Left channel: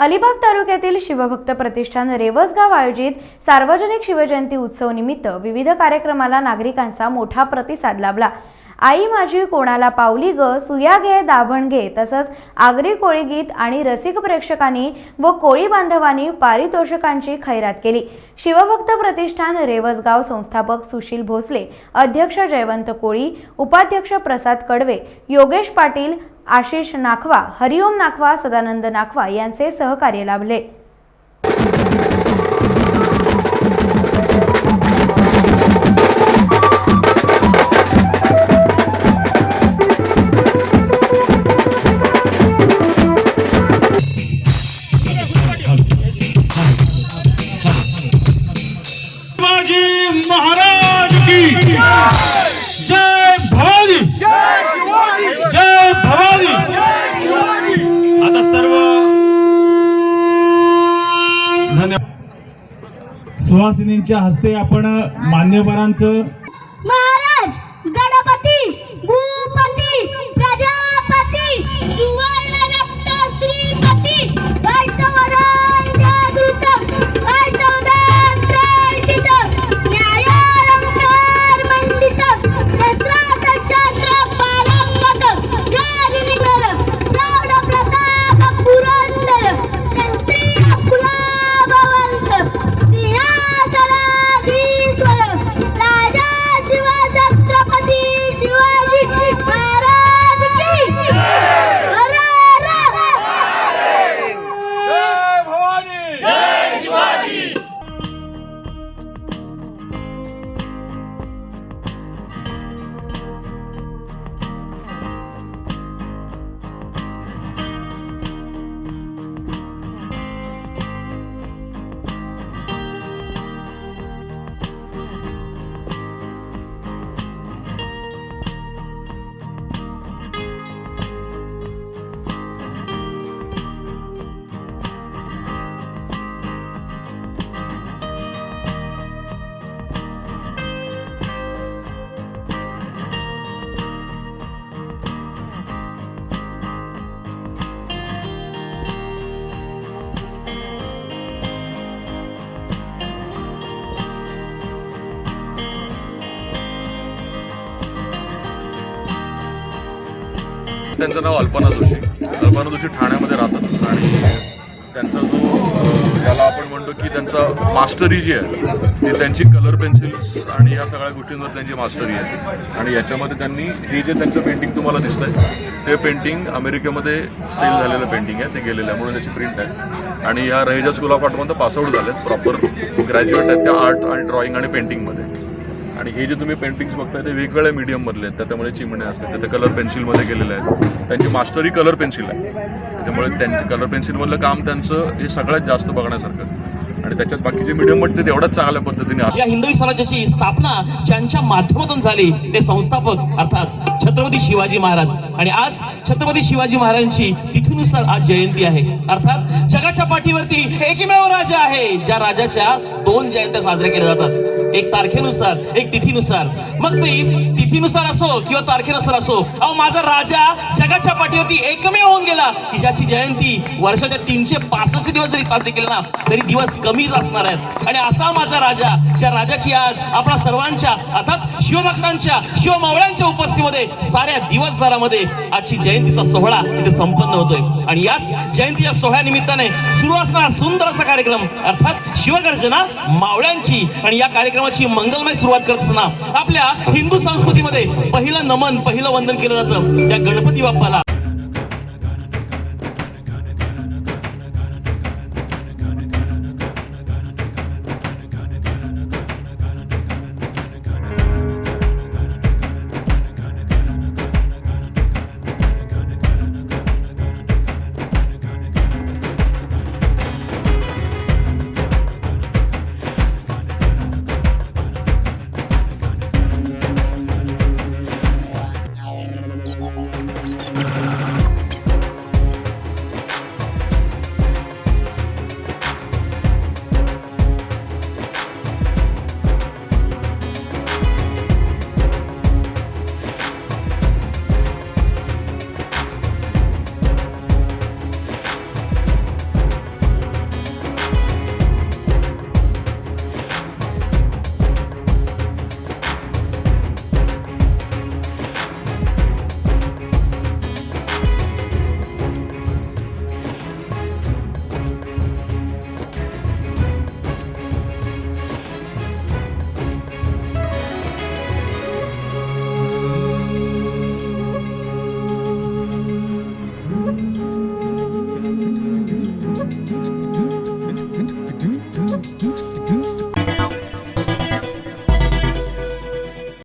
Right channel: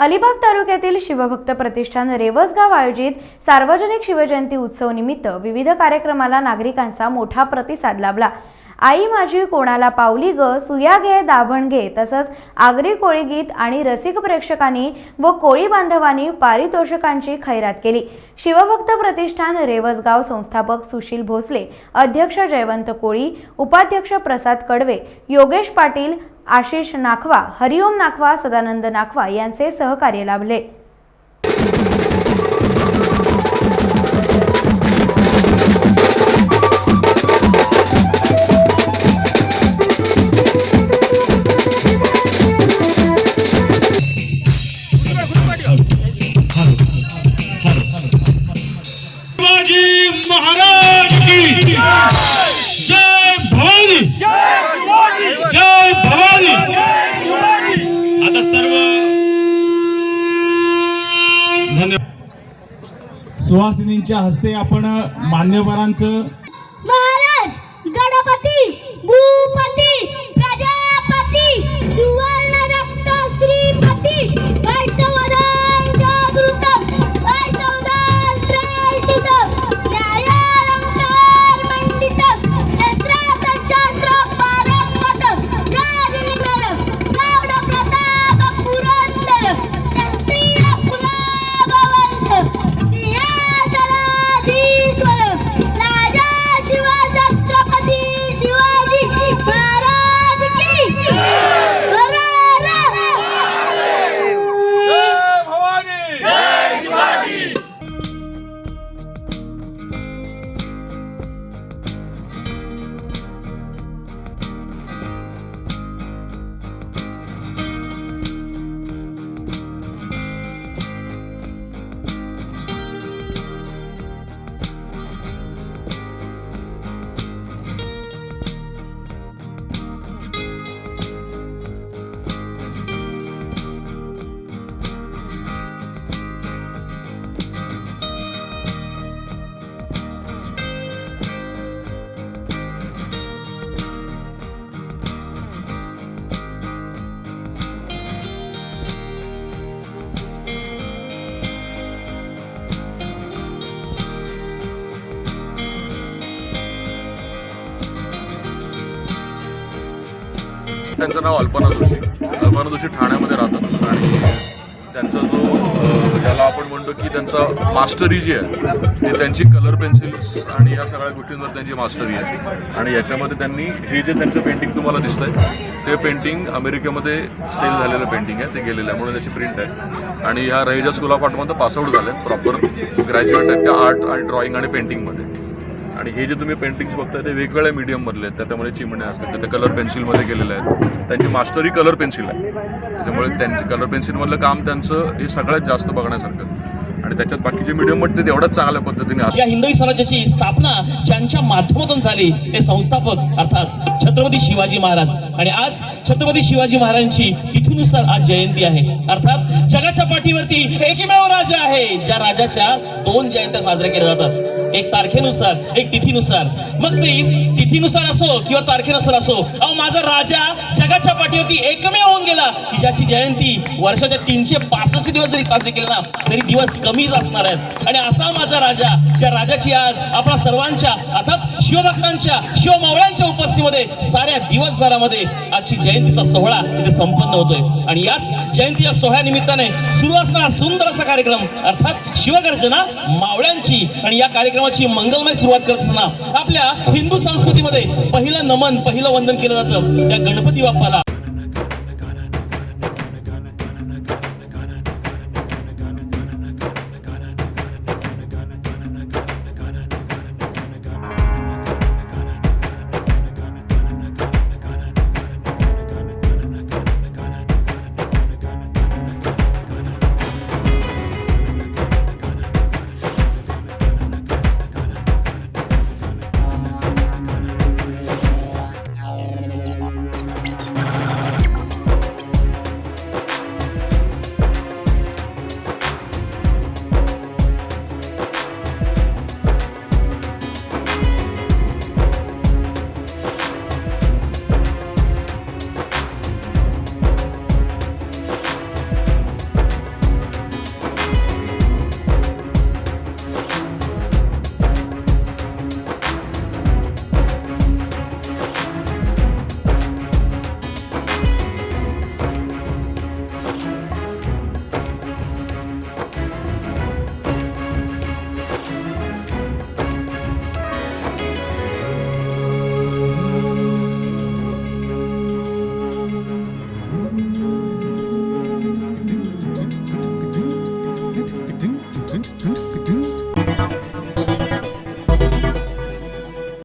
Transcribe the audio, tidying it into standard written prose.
अलिबाग तालुक्यातील शिवभक्त प्रतिष्ठान रेवसगाव आयोजित सार्वजनिक शिवजयंती उत्सव निमित्त विविध कार्यक्रमाला नागरिकांचा मोठा प्रतिसाद लाभला। आई माझी कोणाला पावली ग, सुया घे दाभण घे तसंच आगरी कोळी गीत आणि रसिक प्रेक्षकांनी व कोळी बांधवांनी पारितोषिकांची खैरात केली। शिवभक्त प्रतिष्ठान रेवसगाव संस्थापक सुशील भोसले, अध्यक्ष जयवंत कोळी, उपाध्यक्ष प्रसाद कडवे, योगेश पाटील, आशिष नाखवा, हरिओम नाखवा, सदानंद नाखवा यांचे सहकार्य लाभले। महाराज की जय भवानी, जय भवानी। आता सर्व धन्यवाद। सुहासिनींच्या हस्ते आपण मान्यवरांचं महाराज, गणपती, भूपती, प्रजापती, सुवर्ण रक्त श्रीपती, अष्टवधान जागृत, अष्टवधान प्रार्थित, न्यायालंकार मंडित, शस्त्रार्थ शास्त्र पारंगत, राजनिकर, प्रौढ प्रताप पुरंदर, क्षत्रिय कुलाभवंत, सिंहासनाधीश्वर, राजा छत्रपती शिवाजी महाराज की जय भवानी, जय शिवाजी। त्यांचं नाव अल्पना जोशी ठाण्यामध्ये राहतात आणि त्यांचा जो ज्याला आपण म्हणतो की त्यांचा मास्टरी जी आहे ती त्यांची कलर पेन्सिल्स आणि ह्या सगळ्या गोष्टींवर त्यांची मास्टरी आहे। आणि याच्यामध्ये त्यांनी हे जे त्यांचं पेंटिंग तुम्हाला दिसतंय ते पेंटिंग अमेरिकेमध्ये सेल झालेलं पेंटिंग आहे, ते गेलेलं आहे म्हणून त्याची प्रिंट आहे। आणि ह्या रहिजा स्कूल ऑफ आर्टमध्ये पासआउट झालेत, प्रॉपर ग्रॅज्युएट आहेत त्या आर्ट आणि ड्रॉइंग आणि पेंटिंगमध्ये। आणि हे जे तुम्ही पेंटिंग्स बघताय ते वेगवेगळ्या मीडियममधले आहेत, त्यामुळे चिमणे असतात, ते कलर पेन्सिलमध्ये गेलेले आहेत। त्यांची मास्टरी कलर पेन्सिल आहे, त्यामुळे त्यांचे कलर पेन्सिलमधलं काम त्यांचं हे सगळ्यात जास्त बघण्यासारखं। आणि त्याच्यात बाकीचे मीडियममध्ये तेवढ्याच चांगल्या पद्धतीने या हिंदवी स्वराज्याची स्थापना ज्यांच्या माध्यमातून झाली ते संस्थापक अर्थात छत्रपती शिवाजी महाराज। आणि आज छत्रपती शिवाजी महाराजांची तिथीनुसार आज जयंती आहे। अर्थात जगाच्या पाठीवरती एकमेव राजा आहे ज्या राजाच्या 2 जयंत्या साजऱ्या केल्या जातात, एक तारखेनुसार एक तिथीनुसार। मग ती तिथीनुसार असो किंवा तारखेनुसार असो, अहो माझा राजा जगाच्या पाठीवरती एकमेव होऊन गेला की ज्याची जयंती वर्षाच्या 365 दिवस जरी साजरी केली ना तरी दिवस कमीच असणार आहेत। आणि असा माझा राजा, ज्या राजाची आज आपल्या सर्वांच्या अर्थात शिवभक्तांच्या शिवमावळ्यांच्या उपस्थितीमध्ये साऱ्या दिवसभरामध्ये आजची जयंतीचा सोहळा इथे संपन्न होतोय। आणि याच जयंतीच्या सोहळ्यानिमित्ताने सुरू असणारा सुंदर असा कार्यक्रम अर्थात शिवगर्जना मावळ्यांची। आणि या कार्यक्रमाची मंगलमय सुरुवात करत असताना आपल्या हिंदू संस्कृतीमध्ये पहिलं नमन, पहिलं वंदन केलं जातं त्या गणपती बाप्पाला।